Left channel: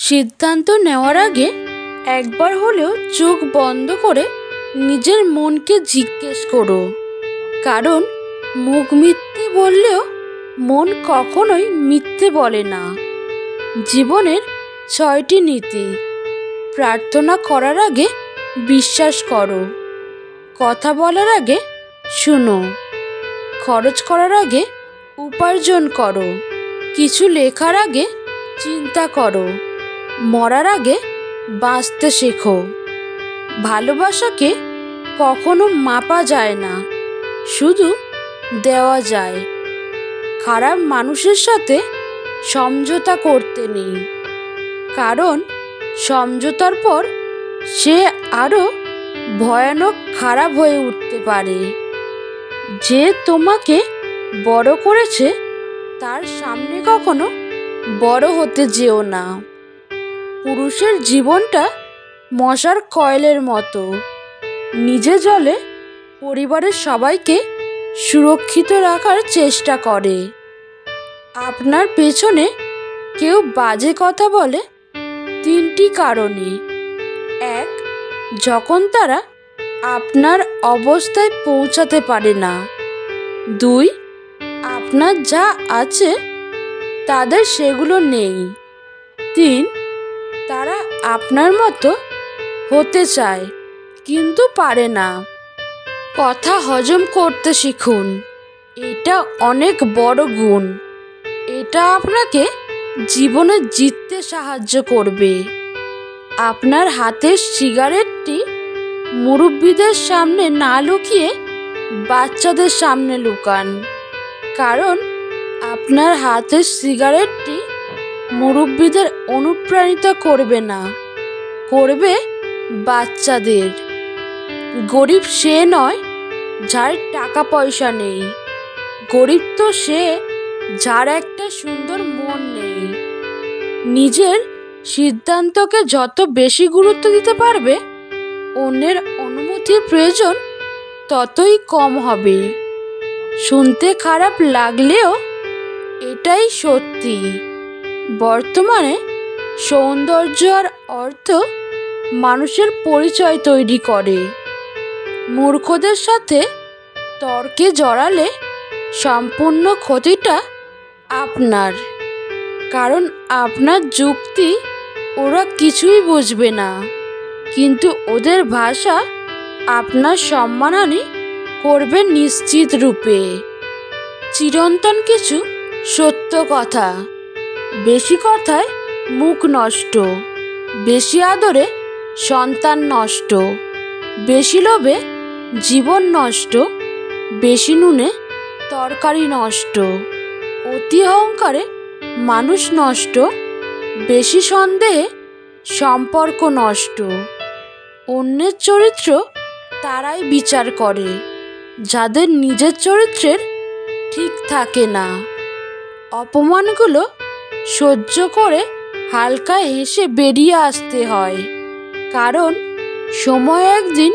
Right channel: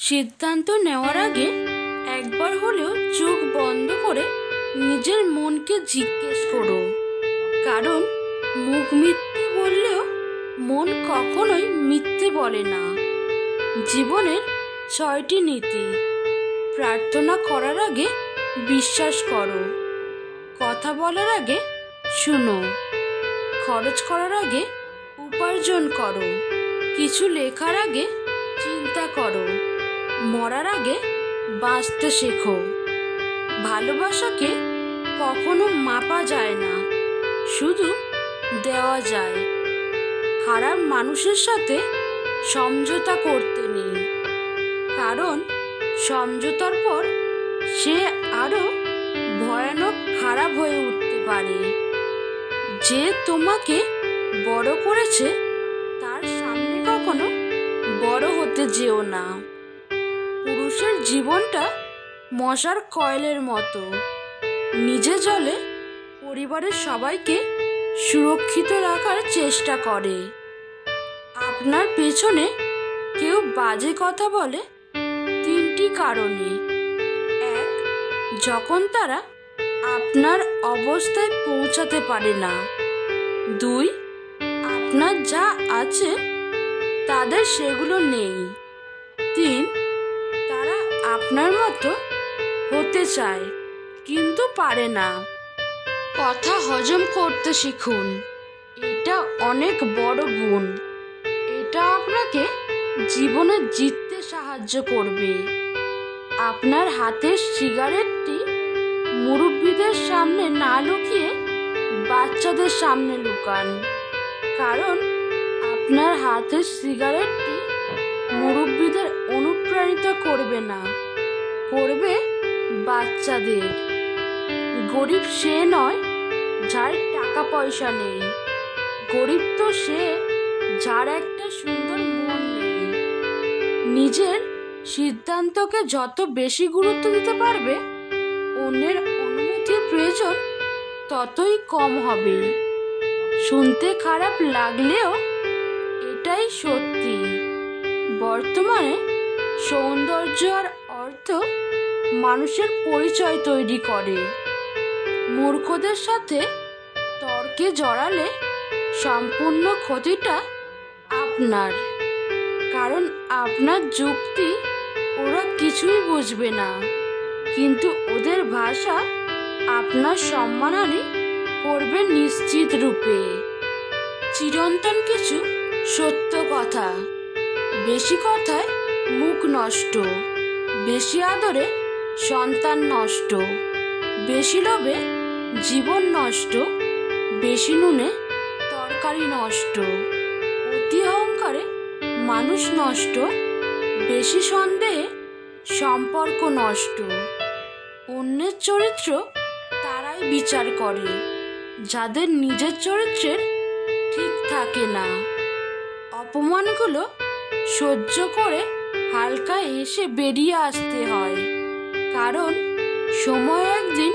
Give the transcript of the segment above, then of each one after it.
সিদ্ধান্ত নেওয়ার আগে একবার হলেও চোখ বন্ধ করে নিজের মনকে জিজ্ঞেস করো, কারণ মুখ মিথ্যে বললেও মন কখনোই মিথ্যে বলে না। জীবনের 6টি নীতি। প্রার্থনা করার আগে বিশ্বাস করো, কথা বলার আগে শুনো, খরচ করার আগে উপার্জন করো, কিছু লেখার আগে চিন্তা করো, মরার আগে বাঁচতে শেখো। ভালোবাসাকে কখনো মাপা যায় না, শুধু দেওয়া যায়। খারাপ মানুষের সাথে সমঝোতা করতে নেই, কারণ সমঝোতার পর সে আরো ভয়ানক খারাপ হয়ে উঠতে পারে। যে তোমাকে বড় করেছে তার সামনে কখনো বড় হতে যেও না। পুরুষের জীবনটা মশার কয়েলের মতো, নিজে জ্বলে পরিবারের সবাইকে সুরক্ষিত রাখার চেষ্টা করে। আপনার পেছনে কেউ বাজে কথা বলে 3টি কারণে। 1, যখন তারা আপনার অবস্থায় পৌঁছাতে পারে না। 2, আপনার যা আছে তাদের সেগুলো নেই। 3, তারা আপনার মতো হতে চায় কিন্তু পারে না। কথা হজম করতে শিখুন, এটা অনেক বড় গুণ। এটা আপনাকে জীবনে জিততে সাহায্য করবে। আপনার হাতের সিগারেটটি মুরব্বীদের সামনে না লুকিয়ে বাচ্চাদের সামনে লুকান, কারণ আপনার হাতের সিগারেটটি মুরব্বীদের অনুপ্রাণিত করবে না, করবে বাচ্চাদের। গরিব সে নয় যার টাকা পয়সা নেই, গরিব তো সে যার একটা সুন্দর মন নেই। নিজের সিদ্ধান্তকে যত বেশি গুরুত্ব দিতে পারবে, অন্যের অনুমতির প্রয়োজন ততই কম হবে। শুনতে খারাপ লাগলেও এটাই সত্যি। বর্তমানে সৌন্দর্য আর অর্থ মানুষের পরিচয় তৈরি করে। মূর্খদের সাথে তর্কে জড়ালে সম্পূর্ণ ক্ষতিটা আপনার, কারণ আপনার যুক্তি ওরা কিছুই বুঝবে না, কিন্তু ওদের ভাষা আপনার সম্মানহানি করবে নিশ্চিত রূপে। চিরন্তন কিছু সত্য কথা। বেশি কথায় মুখ নষ্ট, বেশি আদরে সন্তান নষ্ট, বেশি লোভে জীবন নষ্ট, বেশি নুনে তরকারি নষ্ট, অতি অহংকারে মানুষ নষ্ট, বেশি সন্দেহে সম্পর্ক নষ্ট। অন্যের চরিত্র তারাই বিচার করে যাদের নিজের চরিত্রের ঠিক থাকে না। অপমানগুলো সহ্য করে হালকা হেসে বেরিয়ে আসতে হয়, কারণ সময় একদিন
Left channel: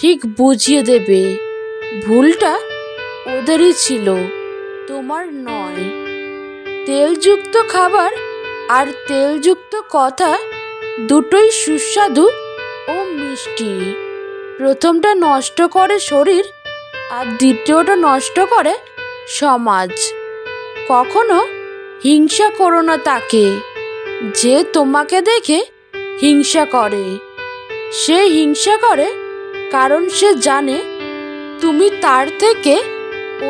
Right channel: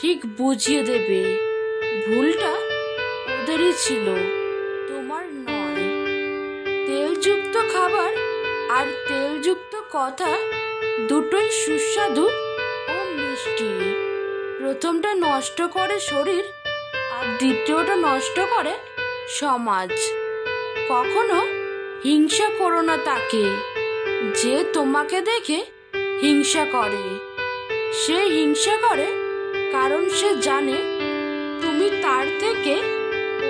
ঠিক বুঝিয়ে দেবে ভুলটা ওদেরই ছিল, তোমার নয়। তেলযুক্ত খাবার আর তেলযুক্ত কথা দুটোই সুস্বাদু ও মিষ্টি। প্রথমটা নষ্ট করে শরীর আর দ্বিতীয়টা নষ্ট করে সমাজ। কখনো হিংসা করো না তাকে যে তোমাকে দেখে হিংসা করে। সে হিংসা করে কারণ সে জানে তুমি তার থেকে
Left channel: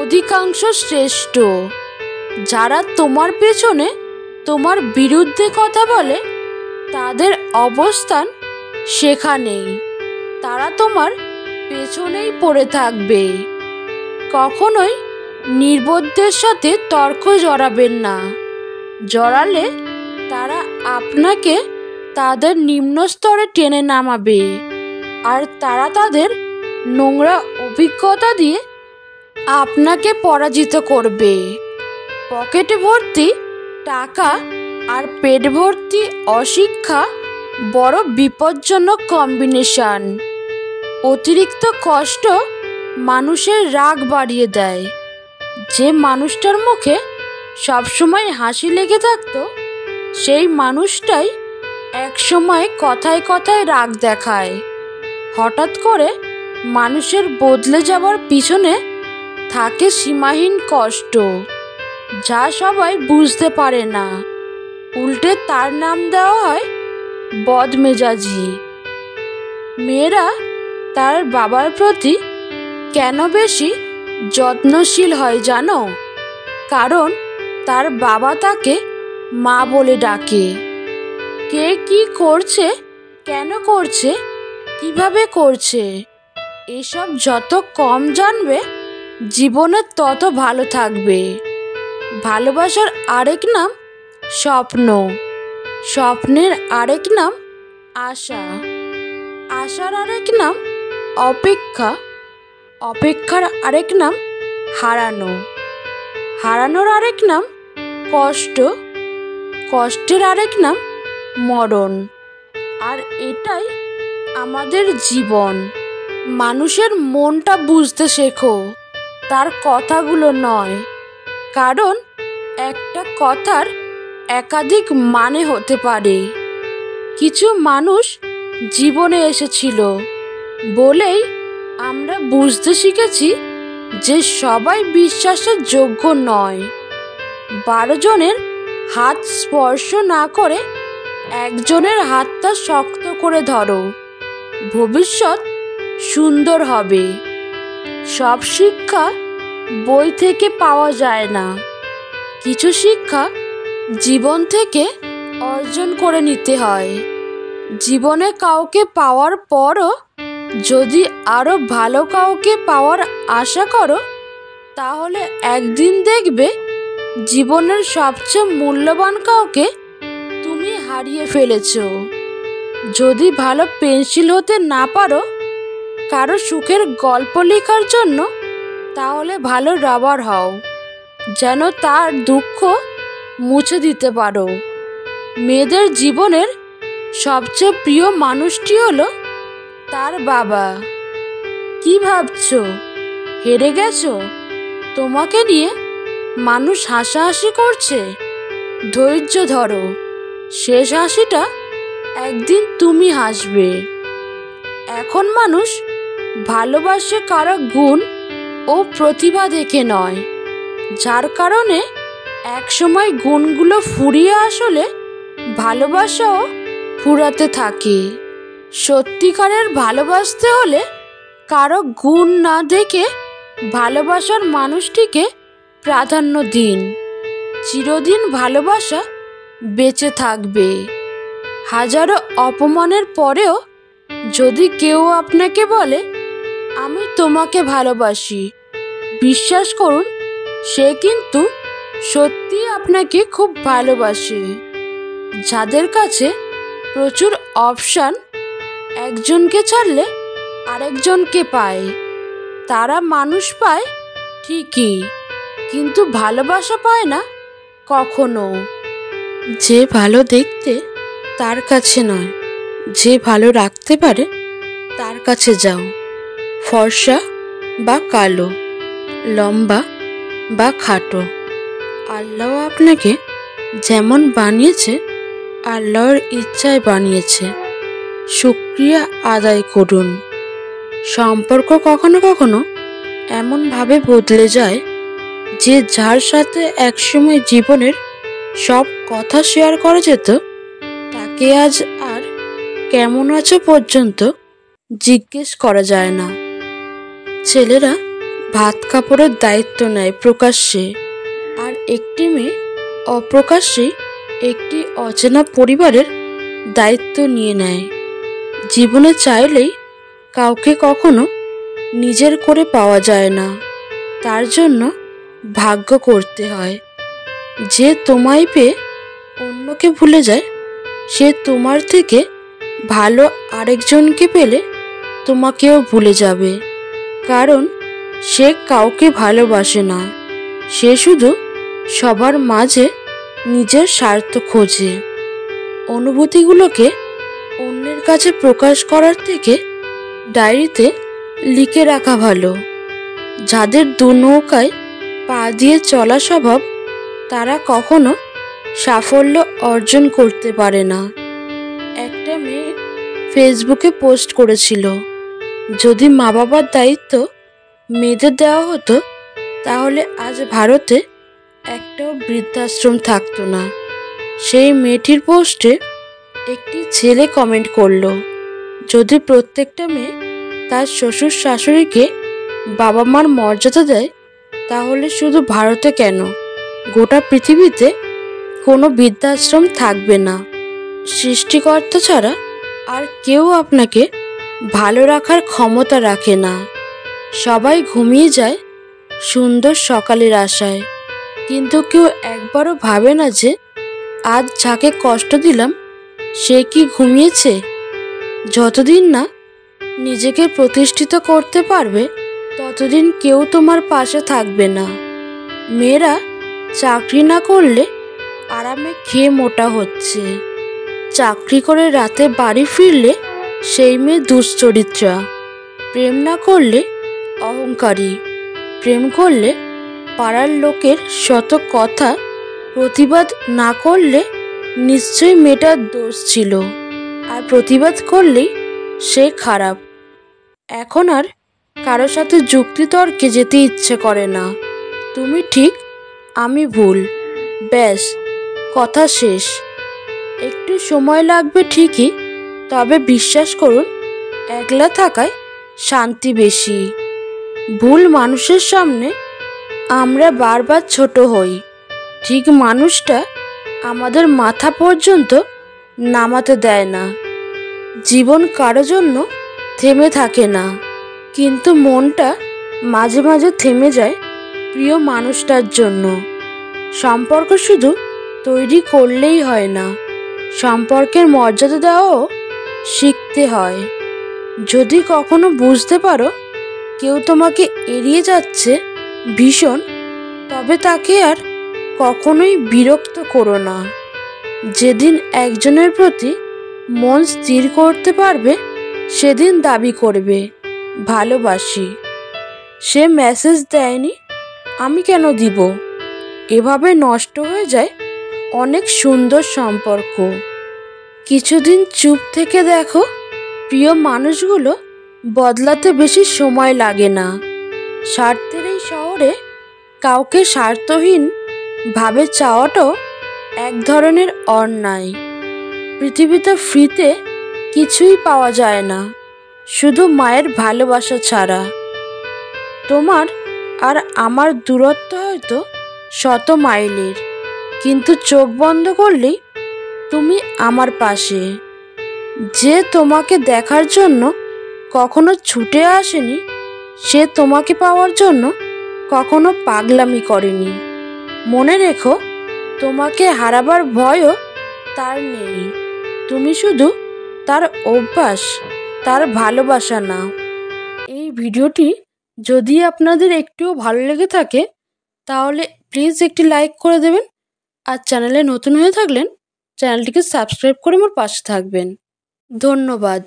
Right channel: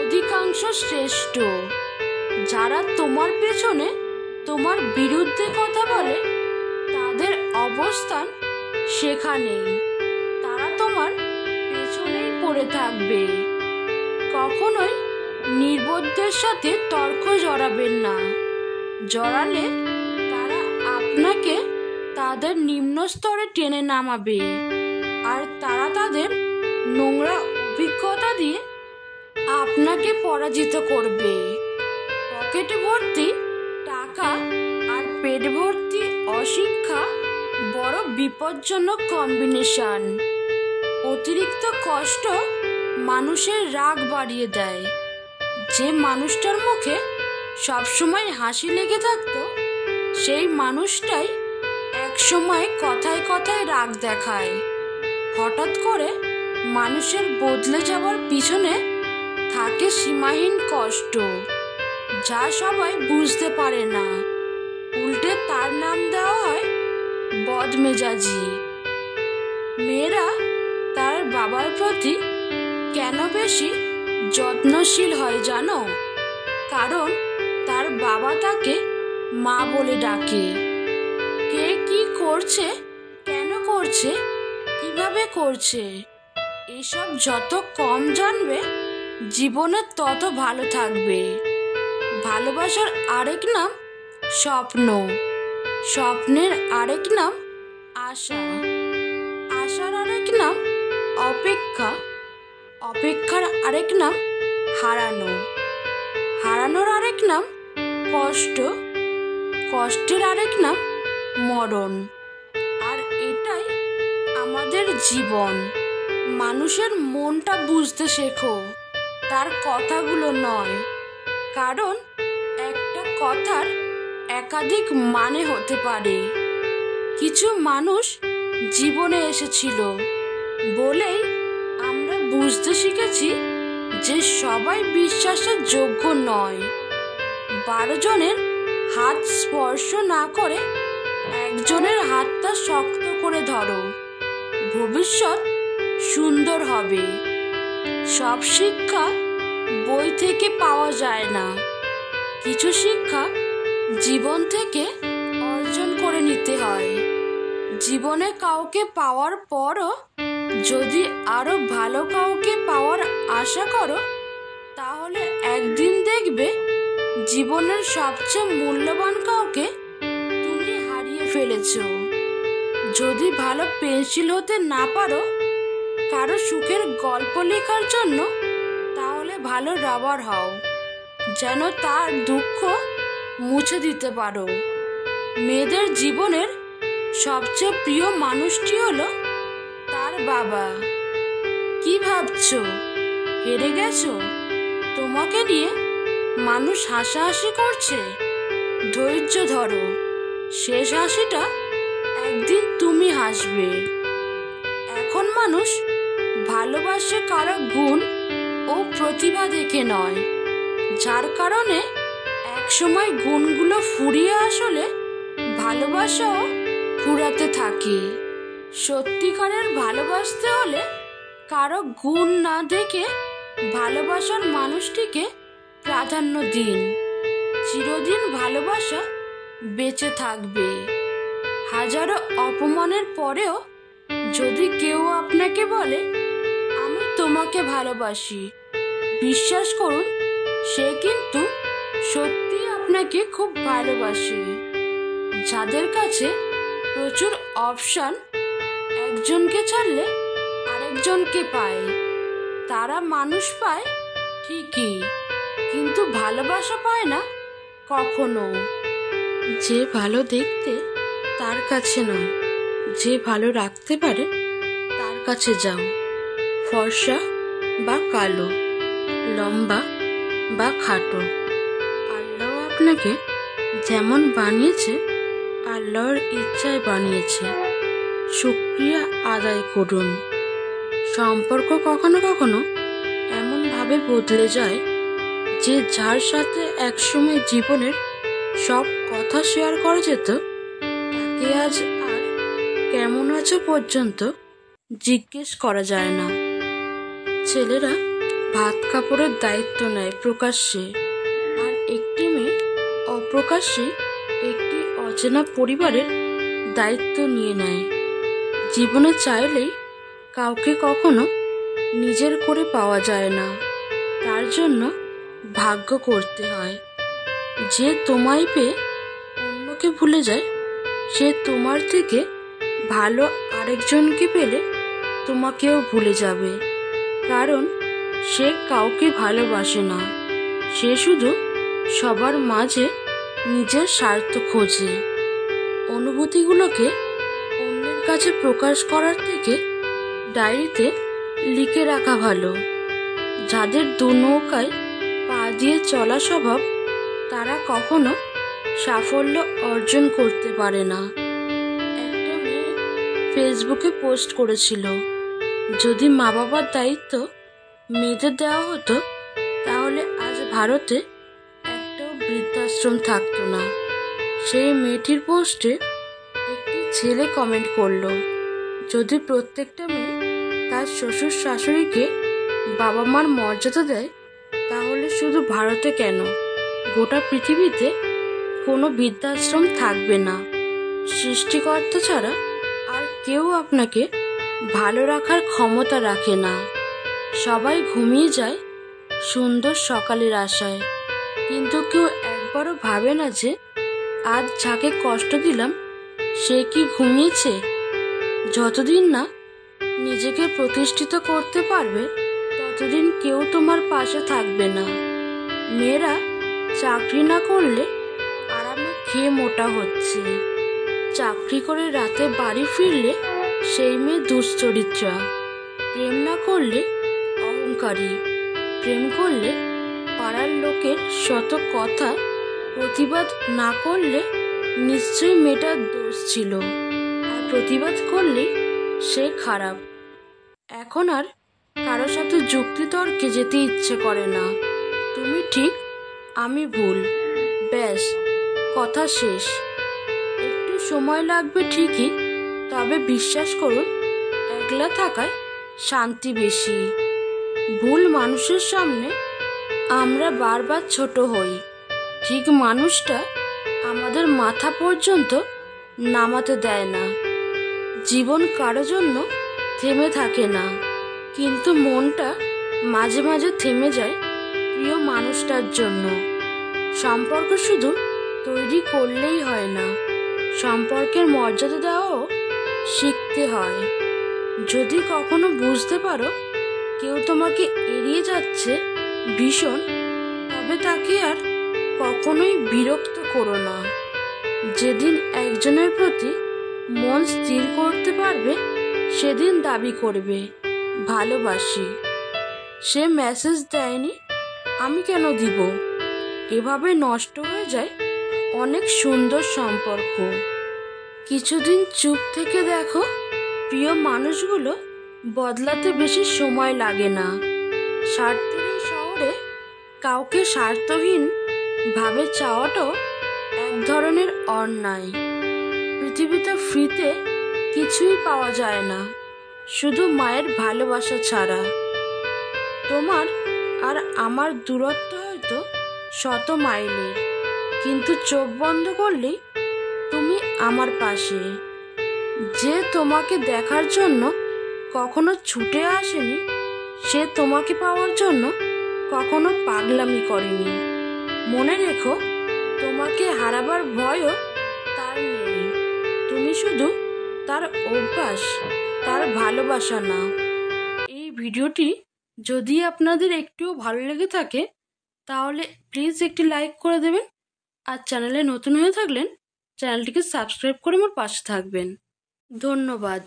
অধিকাংশ শ্রেষ্ঠ। যারা তোমার পেছনে তোমার বিরুদ্ধে কথা বলে তাদের অবস্থান সেখানেই, তারা তোমার পেছনেই পড়ে থাকবে। কখনোই নির্বোধদের সাথে তর্ক জড়াবেন না, জড়ালে তারা আপনাকে তাদের নিম্ন স্তরে টেনে নামাবে, আর তারা তাদের নোংরা অভিজ্ঞতা দিয়ে আপনাকে পরাজিত করবে। পকেটে ভর্তি টাকা আর পেট ভর্তি অশিক্ষা বড় বিপজ্জনক কম্বিনেশন। অতিরিক্ত কষ্ট মানুষের রাগ বাড়িয়ে দেয়। যে মানুষটার মুখে সবসময় হাসি লেগে থাকতো সেই মানুষটাই সময় কথায় কথায় রাগ দেখায়। হঠাৎ করে মানুষের বদলে যাওয়ার পিছনে থাকে সীমাহীন কষ্ট, যা সবাই বুঝতে পারে না। উল্টে তার নাম দেওয়া হয় বদমেজাজি। মেয়েরা তার বাবার প্রতি কেন বেশি যত্নশীল হয় জানো? কারণ তার বাবা তাকে মা বলে ডাকে। কে কি করছে, কেন করছে, কিভাবে করছে, এসব যত কম জানবে জীবনে তত ভালো থাকবে। ভালোবাসার আরেক নাম স্বপ্ন, স্বপ্নের আরেক নাম আশা, আশার আরেক নাম অপেক্ষা, অপেক্ষার আরেক নাম হারানো, হারানোর আরেক নাম কষ্ট, কষ্টের আরেক নাম মরণ। আর এটাই আমাদের জীবন। মানুষের মনটা বুঝতে শেখো, তার কথাগুলো নয়। কারণ একটা কথার একাধিক মানে হতে পারে। কিছু মানুষ জীবনে এসেছিল বলেই আমরা বুঝতে শিখেছি যে সবাই বিশ্বাসের যোগ্য নয়। 12 জনের হাত স্পর্শ না করে একজনের হাতটা শক্ত করে ধরো, ভবিষ্যৎ সুন্দর হবে। সব শিক্ষা বই থেকে পাওয়া যায় না, কিছু শিক্ষা জীবন থেকে অর্জন করে নিতে হয়। জীবনে কাউকে পাওয়ার পরও যদি আরো ভালো কাউকে পাওয়ার আশা করো, তাহলে একদিন দেখবে জীবনের সবচেয়ে মূল্যবান কাউকে তুমি হারিয়ে ফেলেছো। যদি ভালো পেন্সিল হতে না পারো কারো সুখের গল্প লেখার জন্য, তাহলে ভালো রাবার হও, যেন তার দুঃখ মুছে দিতে পারো। মেয়েদের জীবনের সবচেয়ে প্রিয় মানুষটি হলো তার বাবা। কি ভাবছো, হেরে গেছো? তোমাকে নিয়ে মানুষ হাসাহাসি করছে, ধৈর্য ধরো, শেষ হাসিটা একদিন তুমি হাসবে। এখন মানুষ ভালোবাসে কারো গুণ ও প্রতিভা দেখে নয়, যার কারণে একসময় গুণগুলো ফুরিয়ে আসলে ভালোবাসাও ফুরাতে থাকে। সত্যিকারের ভালোবাসতে হলে কারো গুণ না দেখে ভালোবাসার মানুষটিকে প্রাধান্য দিন। চিরদিন ভালোবাসা বেঁচে থাকবে। হাজারো অপমানের পরেও যদি কেউ আপনাকে বলে আমি তোমাকে ভালোবাসি, বিশ্বাস করুন সে কিন্তু সত্যি আপনাকে খুব ভালোবাসে। যাদের কাছে প্রচুর অপশন একজনকে ছাড়লে আরেকজনকে পায়, তারা মানুষ পায় ঠিকই, কিন্তু ভালোবাসা পায় না কখনো। যে ভালো দেখতে তার কাছে নয়, যে ভালো রাখতে পারে তার কাছে যাও। ফর্সা বা কালো, লম্বা বা খাটো, আল্লাহ আপনাকে যেমন বানিয়েছে আল্লাহর ইচ্ছায় বানিয়েছে, শুকরিয়া আদায় করুন। সম্পর্ক কখনো কখনো এমনভাবে বদলে যায় যে যার সাথে একসময় জীবনের সব কথা শেয়ার করা যেত, তাকে আজ আর কেমন আছো পর্যন্ত জিজ্ঞেস করা যায় না। ছেলেরা ভাত কাপড়ের দায়িত্ব নেয় প্রকাশ্যে, আর একটি মেয়ে অপ্রকাশ্যে একটি অচেনা পরিবারের দায়িত্ব নিয়ে নেয়। জীবনে চাইলেই কাউকে কখনো নিজের করে পাওয়া যায় না, তার জন্য ভাগ্য করতে হয়। যে তোমায় পেয়ে অন্যকে ভুলে যায়, সে তোমার থেকে ভালো আরেকজনকে পেলে তোমাকেও ভুলে যাবে। কারণ সে কাউকে ভালোবাসে না, সে শুধু সবার মাঝে নিজের স্বার্থ খোঁজে। অনুভূতিগুলোকে অন্যের কাছে প্রকাশ করার থেকে ডায়েরিতে লিখে রাখা ভালো। যাদের দু নৌকায় পা দিয়ে চলা স্বভাব, তারা কখনো সাফল্য অর্জন করতে পারে না। এক ফেসবুকে পোস্ট করেছিল, যদি মা বাবার দায়িত্ব মেয়েদের দেওয়া হতো তাহলে আজ ভারতে একটাও বৃদ্ধাশ্রম থাকতো না। সেই মেয়েটির পোস্টে একটি ছেলে কমেন্ট করলো, যদি প্রত্যেকটা মেয়ে তার শ্বশুর শাশুড়িকে বাবা মার মর্যাদা দেয় তাহলে শুধু ভারতে কেন, গোটা পৃথিবীতে কোনো বৃদ্ধাশ্রম থাকবে না। সৃষ্টিকর্তা ছাড়া আর কেউ আপনাকে ভালো রাখার ক্ষমতা রাখে না। সবাই ঘুমিয়ে যায় সুন্দর সকালের আশায়, কিন্তু কেউ একবারও ভাবে না যে আজ যাকে কষ্ট দিলাম সে কি ঘুমিয়েছে? যতদিন না নিজেকে প্রতিষ্ঠিত করতে পারবে ততদিন কেউ তোমার পাশে থাকবে না। মেয়েরা চাকরি না করলে আরামে খেয়ে মোটা হচ্ছে, চাকরি করে রাতে বাড়ি ফিরলে সেই মেয়ে দুশ্চরিত্রা, প্রেম না করলে অহংকারী, প্রেম করলে পাড়ার লোকের শত কথা প্রতিবাদ না করলে নিশ্চয়ই মেয়েটার দোষ ছিল, আর প্রতিবাদ করলেই সে খারাপ। এখন আর কারো সাথে যুক্তিতর্কে যেতে ইচ্ছে করে না। তুমি ঠিক, আমি ভুল, ব্যাস কথা শেষ। একটু সময় লাগবে ঠিকই, তবে বিশ্বাস করুন একলা থাকায় শান্তি বেশি। ভুল মানুষের সামনে আমরা বারবার ছোট হই, ঠিক মানুষটা আমাদের মাথা পর্যন্ত নামাতে দেয় না। জীবন কারো জন্য থেমে থাকে না, কিন্তু মনটা মাঝে মাঝে থেমে যায় প্রিয় মানুষটার জন্য। সম্পর্ক শুধু তৈরি করলেই হয় না, সম্পর্কের মর্যাদা দেওয়াও শিখতে হয়। যদি কখনো বুঝতে পারো কেউ তোমাকে এড়িয়ে যাচ্ছে ভীষণ, তবে তাকে আর কখনোই বিরক্ত করো না। যেদিন একজনের প্রতি মন স্থির করতে পারবে সেদিন দাবি করবে ভালোবাসি। সে মেসেজ দেয়নি, আমি কেন দিব? এভাবে নষ্ট হয়ে যায় অনেক সুন্দর সম্পর্ক। কিছুদিন চুপ থেকে দেখো, প্রিয় মানুষগুলো বদলাতে বেশি সময় লাগে না। স্বার্থের এই শহরে কাউকে স্বার্থহীন ভাবে চাওয়াটাও এক ধরনের অন্যায়। পৃথিবীতে ফ্রিতে কিছুই পাওয়া যায় না, শুধু মায়ের ভালোবাসা ছাড়া। তোমার আর আমার দূরত্ব হয়তো শত মাইলের, কিন্তু চোখ বন্ধ করলেই তুমি আমার পাশে। যে তোমাকে দেখার জন্য কখনো ছুটে আসেনি, সে তোমাকে পাওয়ার জন্য কখনো পাগলামি করেনি। মনে রেখো, তোমাকে হারাবার ভয়ও তার নেই, তুমি শুধু তার অভ্যাস, তার ভালোবাসা না। এই ভিডিওটি যদি আপনাদের একটুও ভালো লেগে থাকে তাহলে প্লিজ একটি লাইক করে দেবেন, আর চ্যানেলে নতুন হয়ে থাকলেন চ্যানেলটিকে সাবস্ক্রাইব করে আমার পাশে থাকবেন। ধন্যবাদ।